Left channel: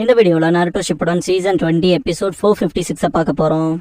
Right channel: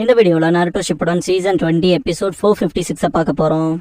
இந்த வீடியோல நாருட்டோ Shippuden season 20 episode 456 பார்க்க போறோம்.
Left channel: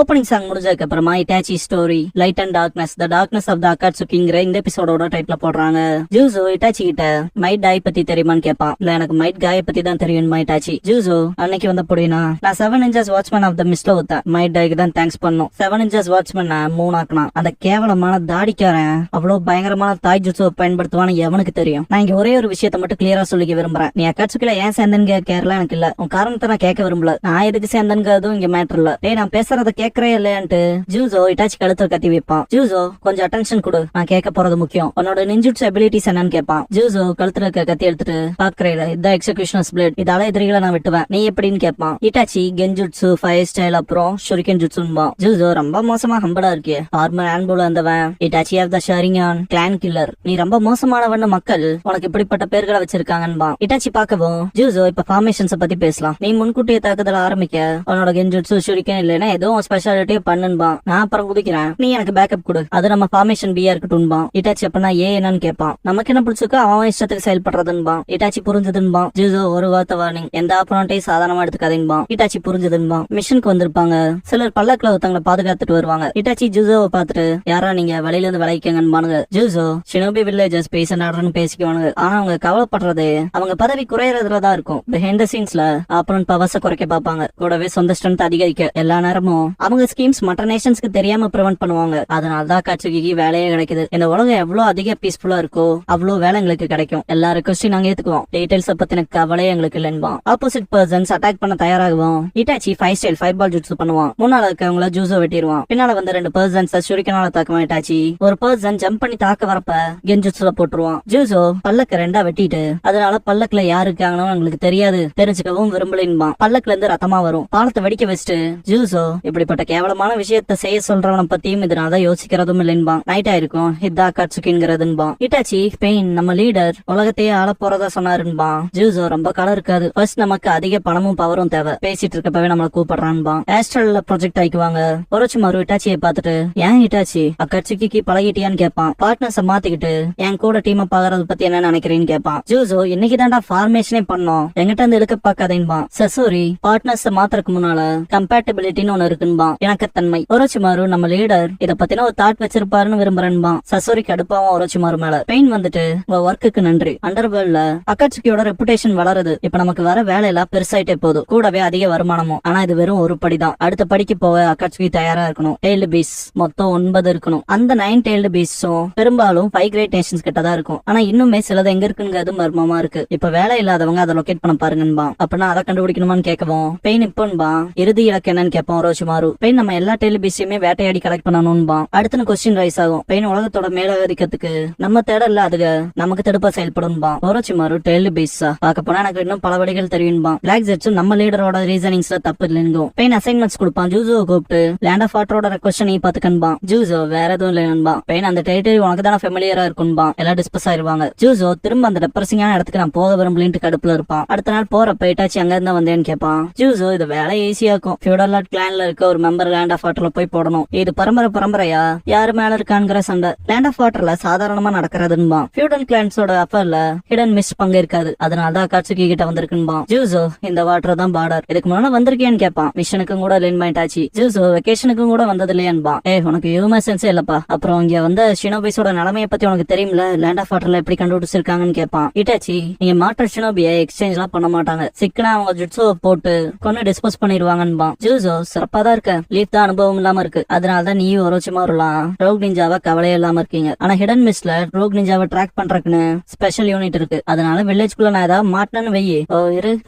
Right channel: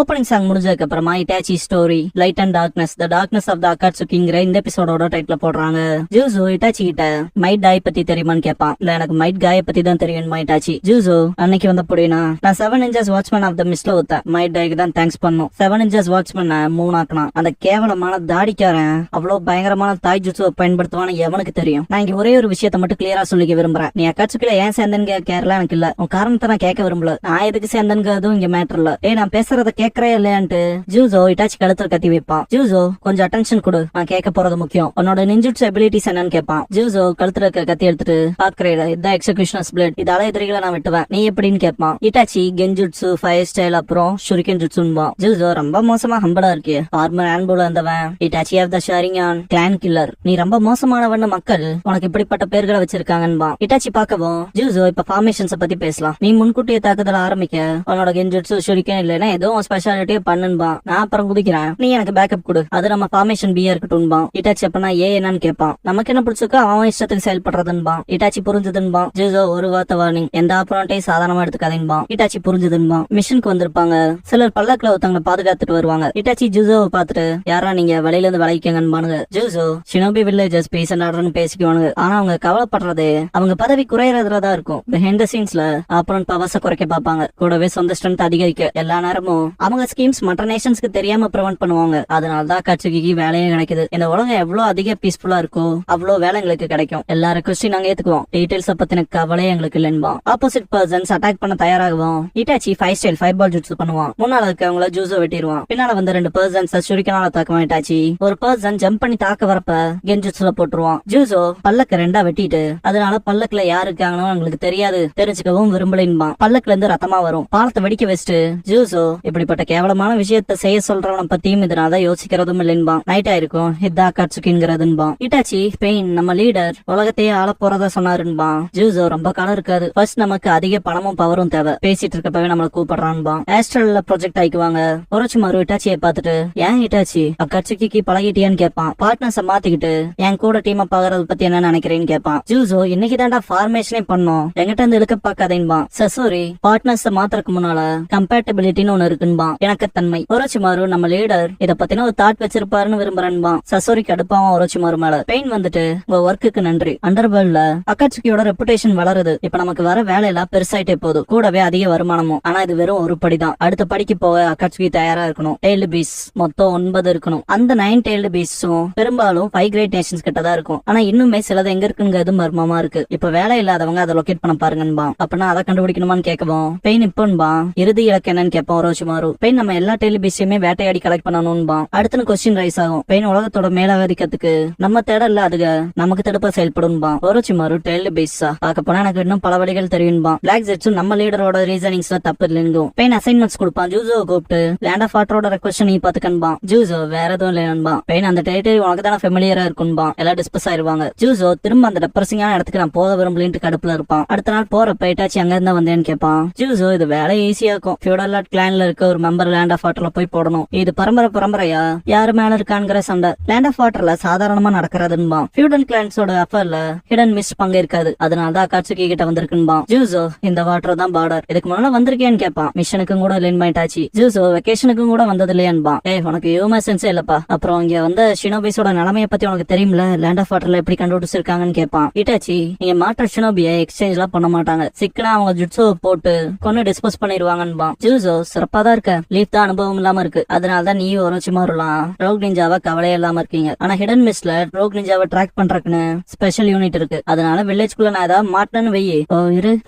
ஓப்பனிங் சாங் முடிஞ்சதுக்கு அப்புறமா Itachi story light and darkness the darkness of the அகாட்சுகிங்கிற இந்த எபிசோடோட டைட்டில் போடுறாங்க. ஜூசோ இட்டாச்சி கிட்ட மைட் டாய் பத்தி தெரியுமான்னு கேட்பான். இல்ல எனக்கு மைட் காய பத்தி தான் தெரியுமா இட்டாச்சி. ஜூசோ அன்னைக்கு வந்த புடினா நான் 7 inches வாட்ச்மேன் ஆஃப் த மிஸ்ல ஊத்தேன். மைட் டாய்க்கு தான் தேங்க்ஸ் பண்ணும். 7 inches வாட்ச்மேன் 3 ஆக்கினான். அந்த கேவலமான தாடிக்காரன் அவ்வளவு பயங்கரமான தாய் ஜூசோ பயன்படுத்துவான்னு எவனுக்கு தெரியும். நான் இங்க ஒரே ஒரு விஷயத்த மட்டும் கிளியரா சொல்லிக்க விரும்புறேன். நீ அகாட்சுக்கில ஏன் சேர்ந்தன்னு கேட்கல எனக்கு இல்ல. உன் காரணத்தை நான் கேட்க விரும்பல. நான் எதுக்கு சேர்ந்தனுங்க அதுவும் இங்க மேட்டர் இல்ல. டேய் நான் பேசுறத கேக்குறேன் இல்லையான்ட்டு ஜூசோ இட்டாச்சி கழுத்துல கத்தி வைப்பான். ஜூசோ கொஞ்சம் அட்டென்ஷன் கொடு, நான் கேட்க போறது முக்கியம். உன்னோட நிஞ்சுட்சு எபிலிட்டிஸ் என்னன்னு கேட்பான். ஜூசோ கழுத்துல இருக்க கத்தி எடுத்துட்டு பாக்குறேன் இதான் எக்ஸிகியூஷனர்ஸ் பிளேட், இதால எதிரிகளை நான் விட்டுவேன், நீ எப்படின்னு கேட்பான். இட்டாச்சி கென்ஜுட்சு ஃபயர் ஸ்டைல் அப்புறம் ஷுரிகன் ஜுட்சுன்பா. ஜூசோ ரொம்ப மோசமா ஹம்பலா இருக்கே, ஆர்மர் ஹேண்ட்போல வந்தவன் Itachi of the Sharingan clan killer, நீ ரொம்ப மோசமானவன்னு மக்கள் உனக்கு இப்படிப்பட்ட பேர்களை வச்சிருக்காங்கன்பா. இட்டாச்சி பாக்கவும் ஜூசோ இப்ப ஃபார்மேஷன்ஸ் பத்தி பேசலாம். நீ முன்கூட்டிய தாக்குதல் ஆரம்பிக்க உன்னோட கென்ஜுட்சு ஷுரிகன் இல்லைன்னா ஏதோ ஸ்பெஷாலிட்டி பண்ணுன்பா. நான் அப்புறம் குதிக்கிறேன், நீ எனக்கு பேக்கப் கொடு, அது நம்ம ஃபார்மேஷன் பியா இருக்கட்டும்பா. இட்டாச்சி அப்பனா ஏ என்னன்னு கேட்பான். நமக்கு என்ன பிடிச்சிருக்கோ அவன் இஷ்டத்துக்கு செயல்படுறதுன்பா. இட்டாச்சி புரிஞ்சதுன்பா. ஜூசோ ஒரு வார்த்தை வார்னிங், எந்த அப்புறம்ட்டையும் சாதாரணமா எடுத்துக்காதீன்பா. இட்டாச்சி புரிஞ்சதுன்பா. மிஷனுக்கு வந்திருப்பாங்க, சிலர் பல்லக்குல ஒருத்தவங்களை பாதுகாத்துட்டு வருவாங்க. இட்டாச்சி ஜூசோவை பார்த்துட்டு யாரா நீங்க வழியில இருந்து விளைவிக்கங்கன்னு. ஜூசோ ஷினோபி வில்லேஜஸ் பேஸ் அண்ட் ஆர்டர்னு பேசிக்குவானுங்க. ஆனா அவங்க கவலைப்படுறதே அவங்க பதவி குறையறதுலதான் இருக்கும். பிஹைண்ட் தி சீன்ஸ்ல அப்புறம் பவர்ஸ குறைக்க பாப்பாங்க, கூடவே சொந்த ஸ்ட்ரென்த் அதிகரிக்க எல்லா நேரமும் அவங்க ஸ்கீம்ஸ் மற்ற நேஷன்ஸ்க்கு தெரியாம ப்ரிவென்ட் பண்ணுவாங்க. அதனாலதான் அகாட்சுகிக்கு வேலையும் கிடைக்குது. இந்த உலகம் எவ்வளவு அதிக பீஸ்ஃபுல்லா இருக்கோ அவ்வளவு வேலை எங்களுக்கு கிடைக்கும். எல்லா ரெக்வஸ்டையும் நாங்க ஏத்துக்குவோம். டீடைல்ஸ் பத்தின கவலை எங்களுக்கு இல்லைன்பா. ஆப்போசிட் பர்சன்ஸ் அட்டாக் பண்ண தயாராகுவோம். இட்டாச்சி 5 ஸ்டைல் 5 பால் ஜுட்சு பண்ணுவான். முன்னால இருக்கவங்கள ஜூசோ வெட்டிடுவான். பின்னால வந்து 2 பர்சன்ஸ் ஷுரிகனால தாக்குவான். இட்டாச்சி ஒரு பர்சன் ஜம்ப் பண்ணி தாக்க வரப்ப கென்ஜுட்சுல போட்டுருவான். ஜூசோ பல்லக்க 2 வெட்டிட்டு அதனால பல்லக்குல யாரு இருக்காங்கன்னு எங்களுக்கு தெரியாது, தெரிஞ்சுக்கவும் விரும்பலின்பா. பல்லக்குல இருந்து ரத்தமா வரும். பாலத்தை வெடிக்க வச்சுட்டு ஜூசோ இப்படிப்பட்ட கேவலமான விஷயத்த செய்ய சொல்றவன பத்தியும் இதனால யோசிக்கிறதும் இல்லைன்பா. நைட் ஆயிருக்கும், இதா அகாட்சுகிங்கிறதுன்பா. இட்டாச்சி பெயின் நம்ம லீடர் உலகத்தையே ஆள போறதா சொன்னாருன்பா. ஜூசோ ரொம்ப காலம் இருக்காது, ஃபர்ஸ்ட் நமக்கு அதிக பணமும் பவரும் தேவை, பேசிட்டு இருக்கப்பவே நம்மள கூப்பிடுறான்பா. ஆஸ்ட்ரல்ல ப்ரொஜெக்ட் ஆயிக்குவாங்க. ஒருச்சுமாரு இட்டாச்சியை பார்த்துட்டு ஏன் இட்டாச்சி அகாட்சுகிக்கு பழகிட்டியான்னு கேட்பான். பார்ட்னர்ஸ மாத்திக்கிட்டு என் கூட டீம் அப் ஆகிறது பத்தி என்ன நினைக்கிறேன்னு கேட்பான். ஜூசோ இன்னைக்கு தான்டா ஃபார்மேஷனே பண்ணோம், எங்கிட்ட இருந்து இழுக்க பாக்காதேன்பா. சசோரி பார்ட்னர்ஸ் மாத்திரக்கு முன்னால கம்பேட்டபிலிட்டின்னு ஒண்ணு இருக்குன்பா, இணக்கத்தன்மை. ஒரோச்சிமாரு நம்ம லீடர் இத பத்தின ஒரு தாட் வச்சிருப்பாருன்னு விரும்புறேன்பா. சசோரி கடுப்பாவும் ஒரோச்சிமாரு மேல. பெயின் வந்துட்டு உங்க ஒர்க்குக்கு நன்றி. அண்டர்வேல்ட்ல அகாட்சுகியோட ரெப்புடேஷன் வளருது. இப்ப நமக்கு வர வேலையெல்லாம் பெருசாயிட்டே போகுது, கூடவே அதிக வருமானமும். ஆனா இது வெறும் ஒரு படிதான். அடுத்த படிக்கு போக அகாட்சுகி தயாரா இருக்கணும். டெய்ல்டு பீஸ் மொத்தம் 9 இருக்கணும். அந்த 9 டெய்ல்டு பீஸும் பெரும்பாலும் 5 கிரேட் நேஷன்ஸ் கிட்ட தான் இருக்கும். ஆனா இன்னுமே சிலது எங்க இருக்குங்கிறது மர்மமா இருக்கு. இப்ப வேலை இல்லாதவங்க அதை லொகேட் பண்ண பாருங்கன்பா. அப்படின்னா அதை கண்டுபிடிக்கணுமான்னு கேட்கவும் பெயின் இப்பன்பா இறுதி இலக்கு என்னன்னு கேட்பான் ஒரோச்சிமாரு. பெயின் நம்ம எல்லா டெலிபிஸையுமே வேட்டையாடி கலெக்ட் பண்ணணும்பா. அடுத்த கொஸ்டின் ரைஸ் ஆகும், பெயின் உலகத்தோட மேலாதிக்கத்துக்கு நம்ம தேடல அதுக நமக்கு தடுப்பா செயல்படும்பா. ஒரோச்சிமாரு டெய்ல்டு பீஸா பார்க்க போனா எனக்கு இன்னும் பல வழிகள் தெரியும்பா. பிளாக் ஜெட்ஸும் நம்ம லீடரோட ரீசனிங்ஸ்ல தப்பு இல்லைங்கும். பெயின் அசைன்மெண்ட்ஸ் கொடுப்பான். ஜூசோ கூப்பிட்டு லேண்ட் ஆஃப் வாட்டரோட ரெக்வஸ்ட் நீ பாத்துக்கன்பா. ஜூசோ வேற எதுவும் இல்லைன்பா. பெயின் அந்த டெரிட்டரி உனக்கு தானே ஃபெமிலியரா இருக்கும்பா. எல்லாம் டிஸ்பஸ் ஆயிருவாங்க. ஜூசோ திரும்ப அந்த டெப்ரசிங்கான இடத்துக்கு நான் போக விரும்பலின்ட்டு கடுப்புல இருப்பான். அடுத்த நாள் போறப்ப இட்டாச்சி அங்க இருந்தா வந்தேன்னு கேட்பான். ஜூசோ இது வேலை ஈஸியா இருக்கும். ஃபியூடல் நாட் கிளான்ல இருக்க ஒரு மெம்பர் லேண்ட் ஆஃப் வாட்டர்ல போய் போடணும். இது பரம்பரையா யாரு மேல இருக்கான்ங்கிற சண்டை. லேண்ட் ஆஃப் வாட்டர்ல சாதாரணமா நடக்கிறதுன்பா. ஃபியூடல் கிளான்ஸோட அஃபர்ல ஹிடன் மிஸ் பங்கு இருக்காது, அதனாலதான் அகாட்சுகி கிட்ட வந்திருக்குன்பா. ஜூசோ இந்த வாட்டர் தான் பார்டர், இதுக்கு முன்னால வந்திருக்கேன்னு கேட்பான். மிஷனுக்கும் கூட லைன் ஆயிட்டாச்சு. ஜூசோ வெக்கேஷனுக்கும் கூட வந்தது இல்லையான்பா. உனக்கு ஹியூமன் சென்ஸே இல்லப்பா. அப்புறம் இங்க வந்து ஷினோபிஸோட நிலைமையை பத்தி உனக்கு தெரியும்ல, லேண்ட் ஆஃப் வாட்டர்ல எப்படி கண்டுபிடிச்சிருக்காங்கன்னு கேட்பான். இட்டாச்சி நீங்க மாற்ற ஷினோபியை எக்ஸ்சேஞ்ச் எல்லாம் பண்ண மாட்டாங்க, சிக்கனா அவங்க ஜுட்சுவை போட்டு கொண்டு டிஸ்போஸ் பண்ணிடுவாங்கன்பா. ஜூசோ சிறப்பா தான் இருக்க, லீஃப் தான் அனுபவம் இல்லாம இருக்கு, அதனாலதான் நீ ஒரோச்சிமாருலாம் ரோக் நிஞ்சாவா கவலையே இல்லாம இருக்கீங்க. ஆனா ஹிடன் மிஸ்ல ரோக் நிஞ்சாவை ட்ராக் பண்றதுக்குன்னு ஸ்பெஷல் யூனிட் இருக்கு, அதனால வில்லேஜ்குள்ள நான் ஏதாவது மாட்டனு வெயி.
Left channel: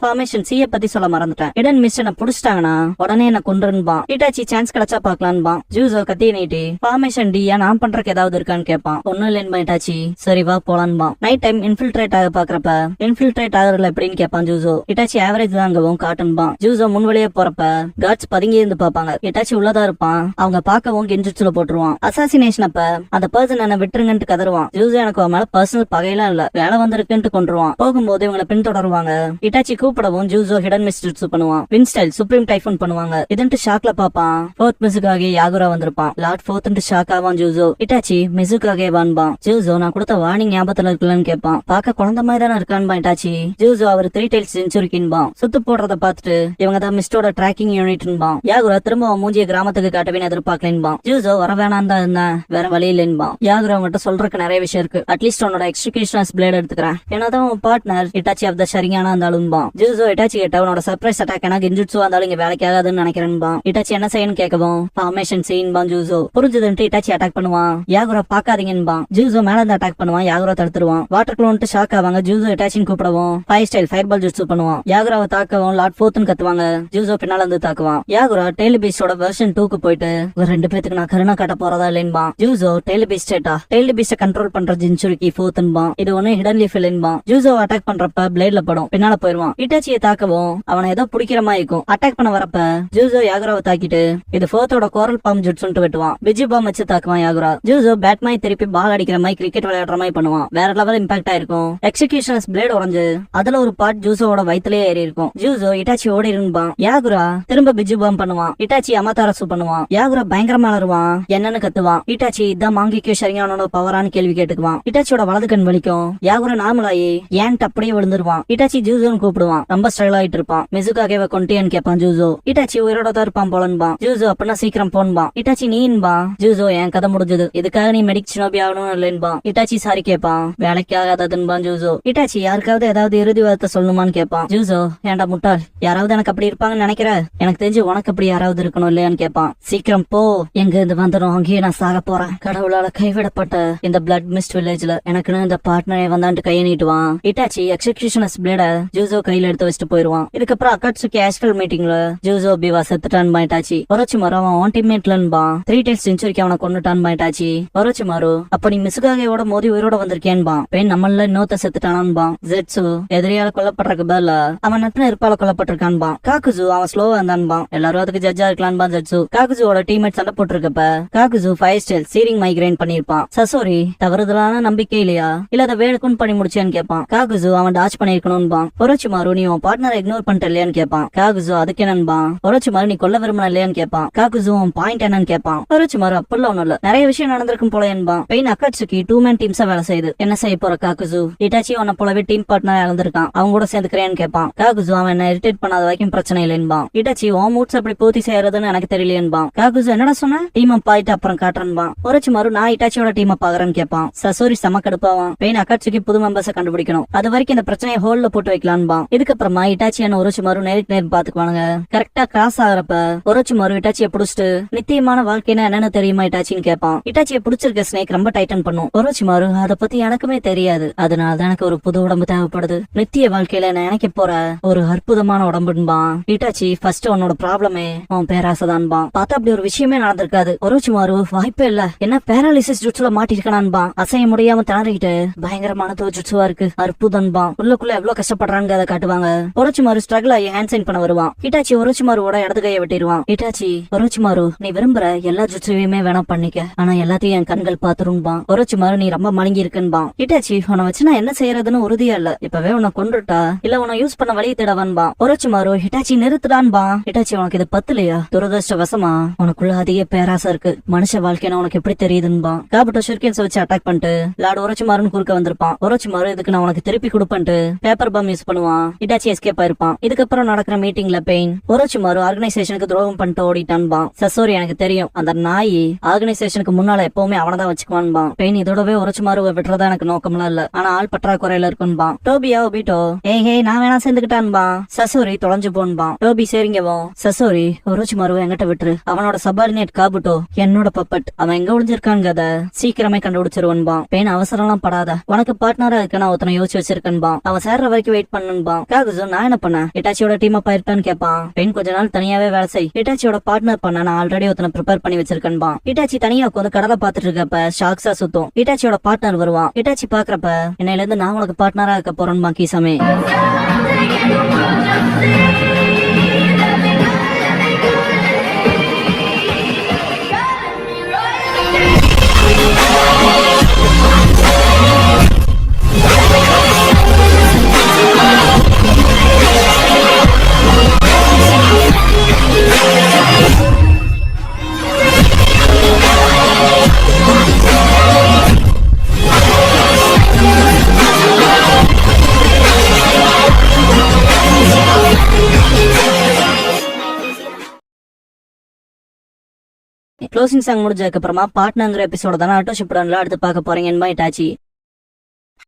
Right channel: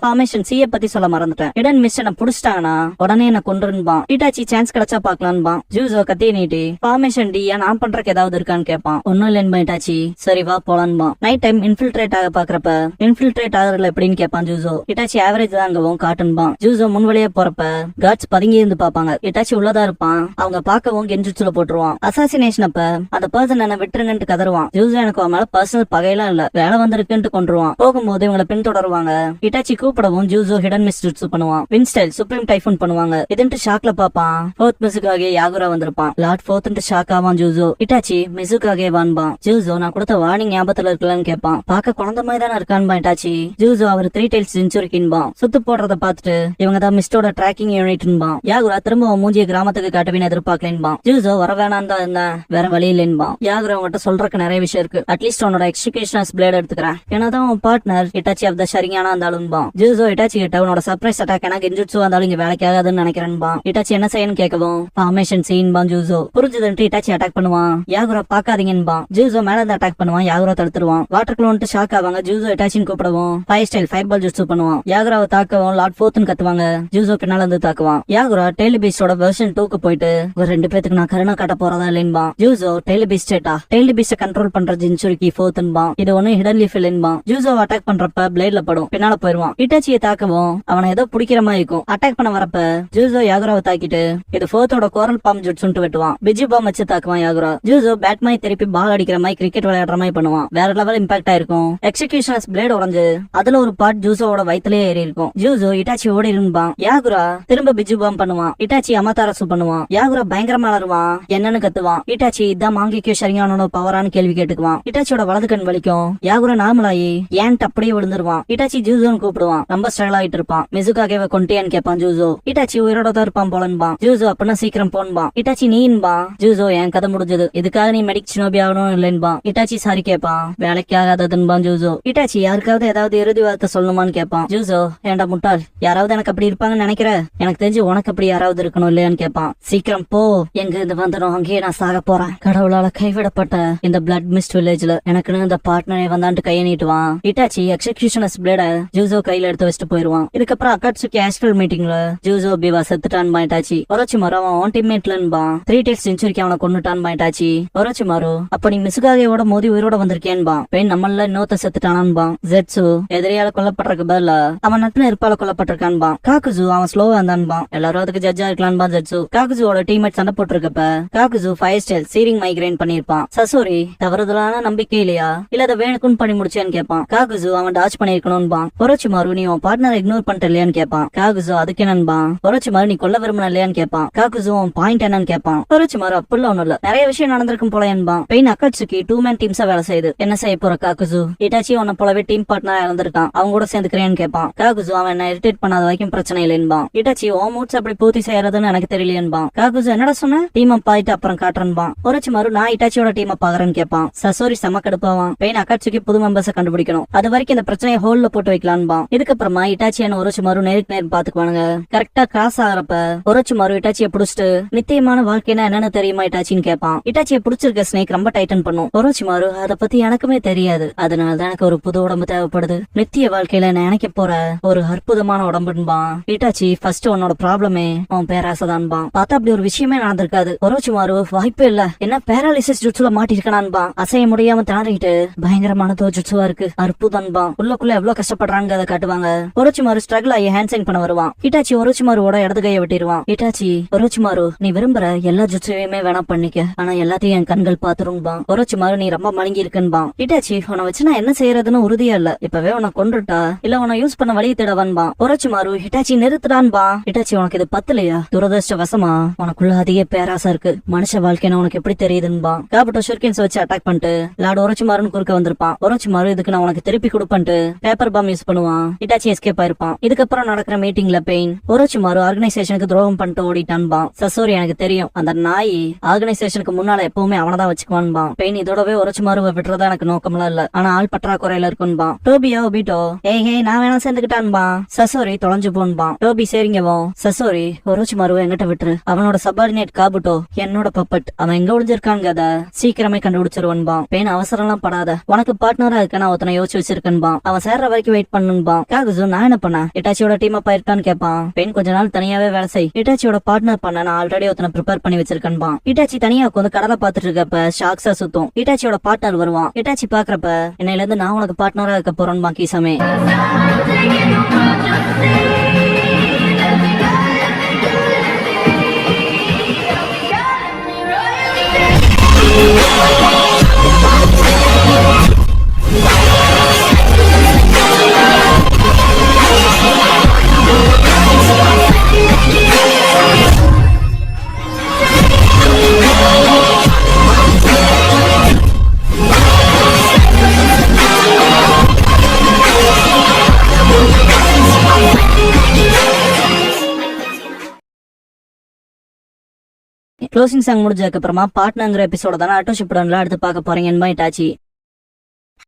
ஃபார்மேஷன் சியை பத்தி சொல்ல மறந்துட்டேன். ஹிடன் மிஸ் என்ன புடிச்சிட்டாங்கன்னா உடனே என்ன கொண்டுருன்பா. இட்டாச்சி சான்ஸ் கிடைச்சா பாக்கலான்பா. ஜூசோ கத்தி நீட்டி ஃபார்மேஷன் டி நான் பண்றதுக்கு ஏதாவது இருக்கான்னு கேட்பான். ஒன்னும் இல்லைன்பா இட்டாச்சி, சரி வா போலான்பா. நைட் டைம் இன்ஃபில்ட்ரேட் ஆக பாக்குறப்ப இன்ஃபில்ட்ரேட் ஆகுறதுல எப்படின்னு கேட்பான் ஜூசோ. Itachi average தாங்கவும் காட்டுன்பா. ஜூசோ முன்வழியே போறப்ப காட்ஸ் பதுங்கி இருந்து பாப்பாங்க. இட்டாச்சி உள்ளதா இருப்பான். அவங்க பாக்கவும் கெஞ்சுச்சுல போட்டுருவான். அசாசினேஷன் அப்ப அந்த பர்சன் என்ன விட்டுருங்கன்ட்டு கதருவான். ஜூஸ் எனக்கு அவன் மேல பர்சனல் பகையெல்லாம் இல்ல, வேலை வந்திருக்குன்ட்டு கொண்டுருவான். போகும்போது இவங்களை பின்தொடருவாங்க. இட்டாச்சி கூப்பிடவும் ஜூஸோ ஹிடன் மிஸ் ஜுட்சு பண்ணுவான். வின்ஸ்டைல் சுப்ரீம் டைஃபூன் பண்ணுவாங்க. இதுன்ட்டு ஷாக்ல பாப்பான். ஃபோர்த் மிஸ்ஸுக்காக யாகுரா வந்திருப்பான். லார்ட் ஃபோர்த்ன்ட்டு ஷாக் ஆவான் ஜூஸோ. இட்டாச்சி மிஸ்ஸுக்காக வான்பான். ஜூஸோ நான் கொடுத்த வார்னிங் ஞாபகத்துல இருக்கலன்னு கேட்பான். பாக்க குழந்தை மாதிரி தானே இருக்கான்பா இட்டாச்சி. ஜூஸோ அவர் 3 டைல்ஸ் செஞ்சுரிக்கின்பான். சுத்து போடுறத பாத்துட்டு இவங்க தான் மிஸ்டோட ட்ராக்கிங் யூனிட்பான். யாகுரா திரும்ப மூஞ்சிய கிராமத்துக்கு காட்டவே எதிர்பார்க்கலேன்பான். ஜூஸோ வர வேணாம் தான் இருந்தேன், வேற வழி இல்லைன்பான். யாகுரா அவங்ககிட்ட சொல்றதுக்கு நிறைய விஷயம் இருக்கு. அட்லீஸ்ட் அவனோட எக்ஸிகியூஷனர்ஸ் பிளேட் எடுத்துக்கிறேன். என்னதான் உன் பார்ட்னர் இட்டாச்சி ஆஃப் த சரியான இருந்தாலும்பான். ஜூஸோ இட்டாச்சி கிட்ட உன்னோட சர்ப்ரைஸ் அட்டாக் எனக்கு கெஞ்சுட்சு வந்தாலும் இங்க வேலைக்கு ஆகாதுன்னு நினைக்கிறேன்பான். இட்டாச்சி என்ன செய்யன்னு கேட்கவும் ஃபார்மேஷன் சீன்பான். ஜூஸோ புரிஞ்சதுன்ட்டு இட்டாச்சி அட்டாக் பண்ணுவான். யாகுரா பாக்காதீங்கன்பான். ஜூஸோ மேல இருந்து அட்டாக் பண்ணுவான். யாகுரா தடுத்துருவான். வாட்டர் க்ளோன்ட்டு ஷாக் ஆவாங்க. ஜூஸோ இட்டாச்சின்னு கூப்பிடவும் fire style fire ball jutsu பண்ணுவான். யாகுராவை தாக்கவும் லார்ட் ஃபோர்த்னு கத்துவாங்க. ஜூஸோ பின்னால இருந்து தாக்குவான். யாகுரா டெய்லி பீஸ்டோட வெர்ஷன் 2க்கு போயிட்டு ஒரு 2 பேத்துக்கு நான் கருணா காட்ட போறதா இல்லைன்பான். ஜூஸோ டெய்லி பீஸ்டா டெய்லி பீஸ்ட கண்ட்ரோல் பண்ற ஜின்சுரிக்கு ஃபோர்த்ன்பான். இது ஒண்ணு ஹிடன் லீஃப் இல்லைன்பான். ஜூஸோ அட்டாக் பண்றப்ப பிளேட்ல படும், பின்னால போயிருவான். இட்டாச்சியை தாக்கவும் அவனை ஏதோ பிடிக்கிற மாதிரி இருக்கும். அட்டாக் பண்ண வரப்ப ஜூஸோ யாகுராவை தாக்கிட்டு இது ஃபோர்த்தோட கோரல் பாம் ஜுட்சுன்ட்டு வெட்டுவான். பிஜி பாம் வச்சு தாக்குவான் யாகுரா. ஜூஸோ பேட் மாதிரி திருப்பி பால் அடிக்கிற மாதிரி கிரிக்கெட் விளையாடுற மாதிரி பண்ணுவான். வேற லெவல் இம்பாக்ட் ஆயிருக்கும். எக்ஸிகியூஷன்ஸ் பிளேட் உடைஞ்சு அதுல ஒரு பார்ட் ஜூஸோட வயிற்றுலயே ஏறி இருக்கும். ஜூஸோ இட்டாச்சி ஓடி இருப்பான். யாகுரா திரும்ப பிஜி பாம் பண்ணுவான். இட்டாச்சி அமதாரசு பண்ணுவான். யாகுரா பயங்கரமா அலறுவான். என்னன்னு கத்துவான். இட்டாச்சி இதான் மாங்கிக்கு சரியானோட பவரான்னு கேள்வி கேட்டுக்குவான். இட்டாச்சியோட வலது கண் வலிக்கும். யாகுரா நார்மலாயி ஏன்ட்டு அப்படியே விழுந்துருவான். இட்டாச்சி ஜூஸோன்னு கூப்பிடுவான். ரொம்ப ஸ்ட்ரகிள் ஆயிட்டு இருப்பான். மிசுக்காக கொண்டேன்னு கேட்பான். ஜூஸோ இட்டாச்சி உயிரோட தான் இருப்பான் போலன்பான். ஜூஸோ அப்படின்னா சீக்கிரம் போன்பான். இட்டாச்சி நீன்பான். ஜூஸோ என் கதை முடிஞ்சது, இதுக்காக நீ மெடிக் சினோபி ஆகணும் இல்லைன்பான். இட்டாச்சி சாரி கேட்பான். வேலைக்கு ஆகாததுன்பான் ஜூஸோ. இட்டாச்சி யாருக்காவது ஏதாவது இறுதி வார்த்தை சொல்லணுமான்னு கேட்பான். ஜூஸோ ஏன்டா முட்டாள், யாராவது எனக்கு அப்படி இருப்பாங்கன்னு நினைக்கிற? எனக்கு தெரிஞ்சு உனக்கு அப்படி யாராவது இருக்கணும் இல்லையான்னு கேட்பான். சீக்கிரம் போ, எங்க இருந்து வந்துடும், அங்கேயே நான் சாக போறேன். கடவுளால கைவிடப்பட்ட இந்த பிளட் மிஸ்ட் வில்லேஜ்ல எனக்குன்னு இந்த பார்ட்னரை வந்தான்ட்டு கையை நீட்டுவான். இட்டாச்சி எக்ஸிகியூஷனர்ஸ் பிளேட ஜூஸோ கையில எடுத்து வச்சுட்டு போயிருவான். இதுக்கப்புறம் அக்காட்சுக்கு ஆஸ்ட்ரல் மீட்டிங்ல ஜூஸோ பிவா செத்துட்டான் பாயிட்டாச்சி. ஒரோச்சிமாரு அவன் ஆன் டீம்மேட்லன்பான். 3 டைல்ஸ் செஞ்சுரிக்கு அவனை கொண்டுட்டான் பாயிட்டாச்சி. ஒரோச்சிமாரு அப்ப நீ மிசுகாகேவோட மோதி உயிரோட வந்திருக்கேன்பான். பெண் நம்மள இன்னொருத்த செத்துட்டானான்பான். ஜெட்சு எதிரியால கொல்லப்பட்டிருக்க பதில அவன் நட்பு இருப்பால கொல்லப்பட்டிருக்கான்பான். காக்குஜு அவன் ஸ்லோவா இருந்தான்பான். எல்லாரும் அதுக்கு ஜட்ஜா இருக்கலான்பான் ஜெட்சு. காக்குஜுவோட டீம்மேட் சண்டை போட்டிருக்கப்ப காக்குஜு 5 ஸ்டைல் சீரிங் மைக்ரைன் பண்ணிருப்பான். சசோரி தவறுதலான நம்பிக்கை இல்லையா, இல்ல அதை வேணுக்குன்னு பண்ணி முடிச்சேன்னு கேட்பான். காக்குஜு அவன் டாச் பண்ணிருக்கணும்பான். ஒரோச்சிமாரு நீ உன் பார்ட்னர் இக்னோர் பண்ணிட்ட இல்லையான்னு கேட்பான். காக்குஜு அதுக்கு என்னன்பான். ஒரோச்சிமாரு நீ கொல்ல விரும்பின இல்லையான்னு கேட்பான். காக்குஜு உன் பாயிண்ட் என்னன்னு கேட்பான். ஒரோச்சிமாரு அப்பெல்லாம் ஒண்ணும் இல்ல, நிறைய விஷயம் நடந்திருக்கும் போல என்பான். பெயின் அக்காட்சுக்கு 2 மேன் டீம்ஸா வேலை செய்யுது. என்ன செய்ய போற காக்குஜு? இட்டாச்சி உன்ன போலவே டீம் பார்ட்னரா இருந்திருக்கான், அவங்க கூட சேர்ந்துக்கிறேன்னு கேட்பான். காக்குஜு அவன் என்ன இரிட்டேட் பண்ணாத வரைக்கும் பிரச்சனை இல்லைன்பான். இட்டாச்சி உன் மூட்ஸ் அப்படி பூர்த்தி செய்யறதுன்னு எனக்கு தெரியலையேன்பான். காக்குஜு என்னடா சொன்ன? டீம் அப் ஆயிட்டு அப்புறம் காட்டுறேன்பான். ஒரோச்சிமாரு நான் இட்டாச்சியோட டீம் அப் ஆகுறேன்னு கேட்பான். சசோரி செம கடுப்பாவான். பெயின் அக்காட்சுக்கு புது மெம்பர்ஸை கண்டுபிடிக்கணும், அது வரைக்கும் இந்த பிரச்சனையை ஹோல்ல போட்டு வைக்கலான்பான். இதுக்கப்புறமா இட்டாச்சியான ஒரோச்சிமாரு நேருக்கு நேரம் பாத்துக்குவானுங்க. கரெக்டா கிராஸ் ஆகிறப்ப ஒரோச்சிமாரு இட்டாச்சியை புடிச்சிட்டு நித்தியமான வாழ்க்கைனா என்னன்னு தெரியுமா இட்டாச்சின்னு கேட்பான். இட்டாச்சியை புடிச்சிருக்க ஸ்னேக் ரொம்ப டைட்டன் பண்ணும். ஒரோச்சிமாரு அதை பத்தி எனக்குமே தெரியாது, அதனாலதான் எனக்கு ஒரு புது உடம்பு தேவைப்படுது, நித்திய வாழ்க்கையில நினைக்க போற ஒரு அற்புதமான உடம்புன்பான். இட்டாச்சி ஃபர்ஸ்ட் உன்னோட ப்ராப்ளமே உன் பேராசதான்பான். பார்த்தா அப்படி ஒரு விஷயமே நடந்திருக்காது. ஒரோச்சிமாரு வாய்ப்பே இல்ல, என்ன பேராலிசிஸ் ஜுட்சுல மாட்டிருக்கானான்பான். அசைய முடியாம திணறிட்டு பயங்கரமான தோஜுட்சுவா இருக்கு, அற்புதம்பான். உள்ளுக்குள்ள எவ்வளவு கஷ்டப்படுறாங்க அதை காட்டுவாங்க. ஒரோச்சிமாரு ஸ்ட்ரகிள் ஆகி ஹேண்ட் சைன் பண்ண வருவான். இட்டாச்சி ஒரோச்சிமாருவோட இடது கையை வெட்டிடுவான். இட்டாச்சி ஒரோச்சிமாரு நீ விரும்புற எல்லா ஜுட்சுவையுமே வேணா பண்ணிக்க, ஆனா எல்லாத்தையும் என் கண்கள் பாத்துரும்பான். ஒரோச்சிமாரு நீ ரொம்ப மலங்கி இருக்குன்பான். இட்டாச்சி உன்னை வச்சு நான் என்ன செய்யறதுன்னு உறுதியா இல்ல, இப்பவே உன்னை கொண்டுட்டா இல்ல உன்னை யூஸ் பண்ண வழி தேடவான்பான். ஒரோச்சிமாரு ஹிட்டாச்சி நிறுத்துடான்பான். ஹிட்டாச்சி உனக்கு இது பத்தலையா? துரதிருஷ்டவசமா உனக்குள்ள அதிக பேராசை இருக்கு, மனுஷ வாழ்க்கைன்னு உனக்கு எப்படி தெரியுதுன்பான். காபுட்ட ஷுர்கேன்ஸ் வச்சு அட்டாக் பண்ணிட்டு லார்ட் ஒரோச்சிமாருன்னு குறுக்க வந்திருப்பான். ஒரோச்சிமாரு இதுக்கு நான் உனக்கு திருப்பி கொடுப்பேன்ட்டு பேப்பர் பாம் யூஸ் பண்ணுவான். ஹிட்டாச்சி எஸ்கேப் ஆயிருப்பான். இதுக்கப்புறம் நடக்கிற மீட்டிங்ல பெயின் ஒரோச்சிமாரு ஆர்கனைசேஷனுக்கு துரோகம் பண்ணிட்டு ஓடிட்டான்பான். சசோரி எனக்கு தெரியும், அந்த நாய் ஆர்கனைசேஷனுக்கு முன்னால எப்பவுமே அவனதான் வச்சுக்குவான்பான். பெயின் இதோடவே ஒரோச்சிமாருவை விட்டுறதா எனக்கு நோக்கம்லாம் இல்ல, ஆனா ஆள் பற்றாக்குறையில இருக்குன்பான். டோபியா ஒபிட்டோ ஏய் நான் வேணா சேர்ந்துக்கிட்டான்பான். சசோரி தொலைஞ்சு போன்பான். டோபி சரிங்கவும் சசோரி ஒரோச்சிமாருவை எங்கிட்ட விட்டுரு, அவனோட சபார்டினேட் காபுட்டோ என்னோட பப்பட், அவன் எங்க ஒளிஞ்சிருக்காங்க சீக்கிரமே கண்டுபிடிச்சிருவன்பான். பெயின் அவசரம்லாம் படாத, உனக்கு பார்ட்னரா இருக்க நான் ஒருத்தனை யோசிச்சு வச்சிருக்கேன்பான். அவன் சேர்ற வரைக்கும் வெயிட் பண்ணுன்பான். காகுசோ நான் என்ன பண்ண, இட்டாச்சியோட டீம் அப்பா இருக்கான்னு கேட்பான். பெயின் கொஞ்ச நாள் தனியாவே வேலை செய், இட்டாச்சியோட பார்ட்னர் பண்ண நான் ஆல்ரெடி ஒருத்தனை ப்ரிப்பேர் பண்ணி வச்சிருக்கேன்பான். இட்டாச்சி தனியா உட்காந்து கடலை பாத்துட்டு இருக்கப்ப ஷாக்ஸா சுத்தும். இட்டாச்சியோட பார்ட்னர் வருவான். இட்டாச்சி பாக்குறப்ப என்னையில இருந்து நான் உனக்கு பார்ட்னரா இருக்க போறேன்பா கீசமே. க்ளோசிங் சாங் முடிஞ்சதுக்கு அப்புறமா பார்ட்னர்ங்கிற எபிசோட தானே ஆட்டோ ஷிப்டன்ல அடுத்து பார்க்க போறீங்க இட்டாச்சி.